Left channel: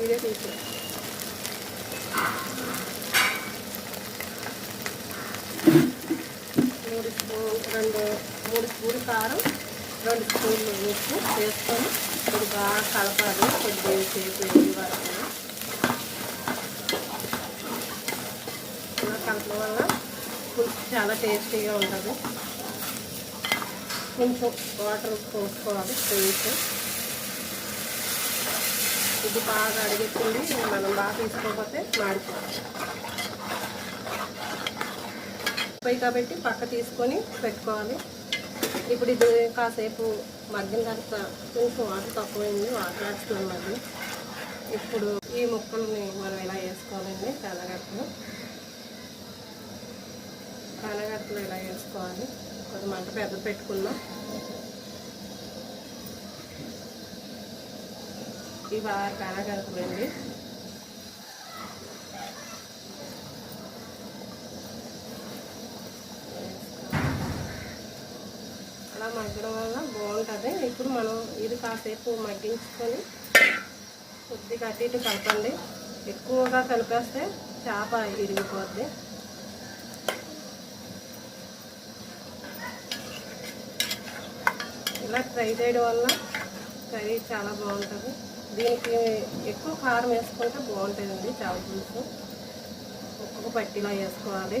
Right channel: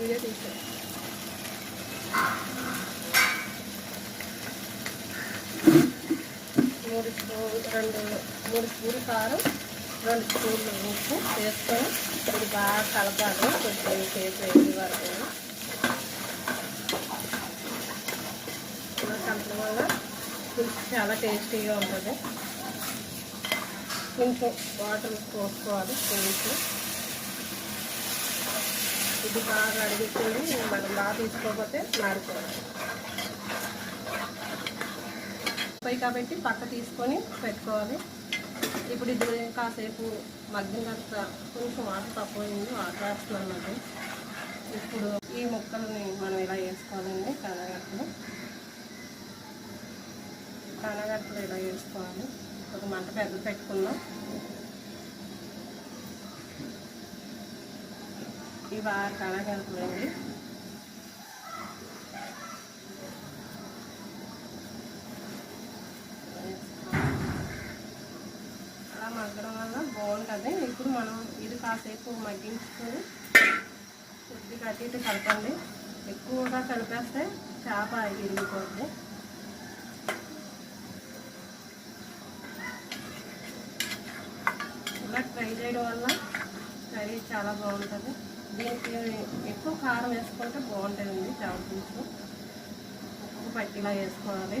Video తీసి 3 స్పూన్లు కారం, 2 స్పూన్లు ఉప్పు వేసుకొని ఇప్పుడు బాగా కలపాలి. కొద్దిగా సేపు వేసి వరకు కలపడం వల్ల పులుసు చాలా టేస్టీగా ఉంటుంది. కొంచెం వాటర్ పోసుకోవాలి. కొంచెం ఇది బాగా అడిగిస్తుంది. మనం బాగా తీసుకోకపోతే మాడిపోవాలి. కాబట్టి పక్క తీసుకొని పెట్టుకోవాలి. ఇప్పుడు ఇది కాసేపు మగ్గిన తర్వాత కొంచెం వాటర్ తక్కువైంది, వాటర్ వేస్తున్నాం అది. ఇప్పుడు ఈ ముక్కలని మనం ఇలా వేసుకోవాలండి. కందగడ్డలు ఇలా వేసుకోవాలి. ఒక మంట పెద్ద పెట్టుకున్నాం. ఇవి బాగా కందగడ్డలండి. మగ్గడం వల్ల బాగుంటుంది. ఇప్పుడు మనం ఇది కాసేపు మగ్గించుకొని కొద్దిగా అటు ఇటు కలపండి. ఎక్కువగా కలిపేస్తే చేప ఇరిగిపోద్ది. ఇలా ట్రై చేయడం వల్ల కర్రీ చాలా బాగుంటుంది. దీనికి ఎక్కువ కారం వేసుకుంటే బాగుంటుందండి. చేప పులుసు ఒక్కొక్క పట్టిలా వేసుకోవాలి.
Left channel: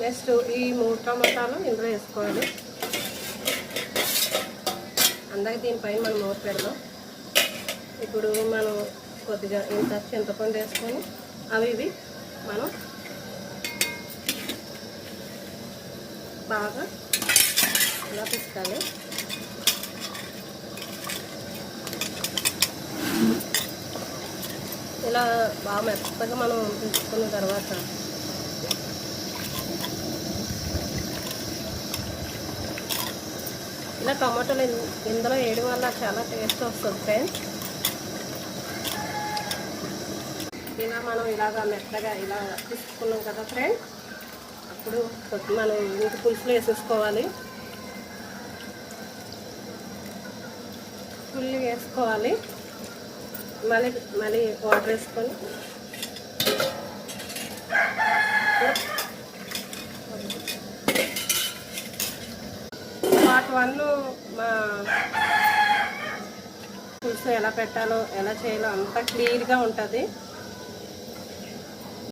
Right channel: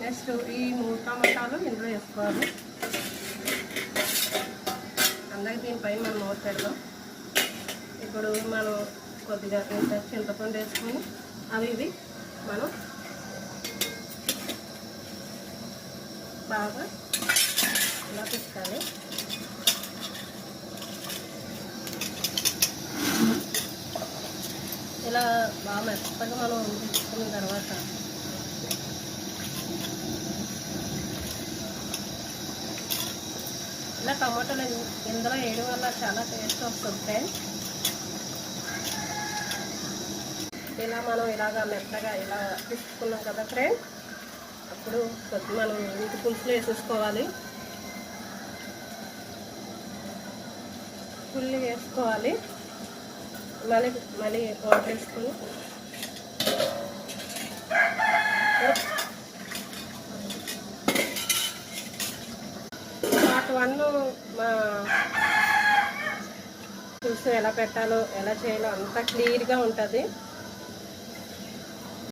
నెక్స్ట్ ఈ 3 టమాటాలు ఇందులో వేసుకోవాలి. అందరికి దీనిపైన మనం మూత పెడదాం. ఇప్పుడు మనం కొద్దిగా ఇంత చింతపండు వేసుకొని ఇవి మనం బాగా ఇలా పిసుకాలి. ఇలా బాగా మెత్తగా మనం పిసుకున్న తర్వాత ఇలా టమాటాలు ఇందులో వేయడం వల్ల చాలా టేస్ట్ వస్తుంది ఫ్రెండ్స్. ఇలా మనం ఇలాగా మెత్తగా ఇలా తీసుకున్నాం కదా ఫ్రెండ్స్. అప్పుడు మనం ఇంటి పులుసులో వేసేసుకోవాలి. పుల్లి వేసుకోవాలి. మళ్ళీ వాటర్ వేసుకొని పార్ట్ 1 పులుసు ఎలా పెట్టాలో ఎలా చేయాలో అంతా క్లియర్గా ఉంటుంది.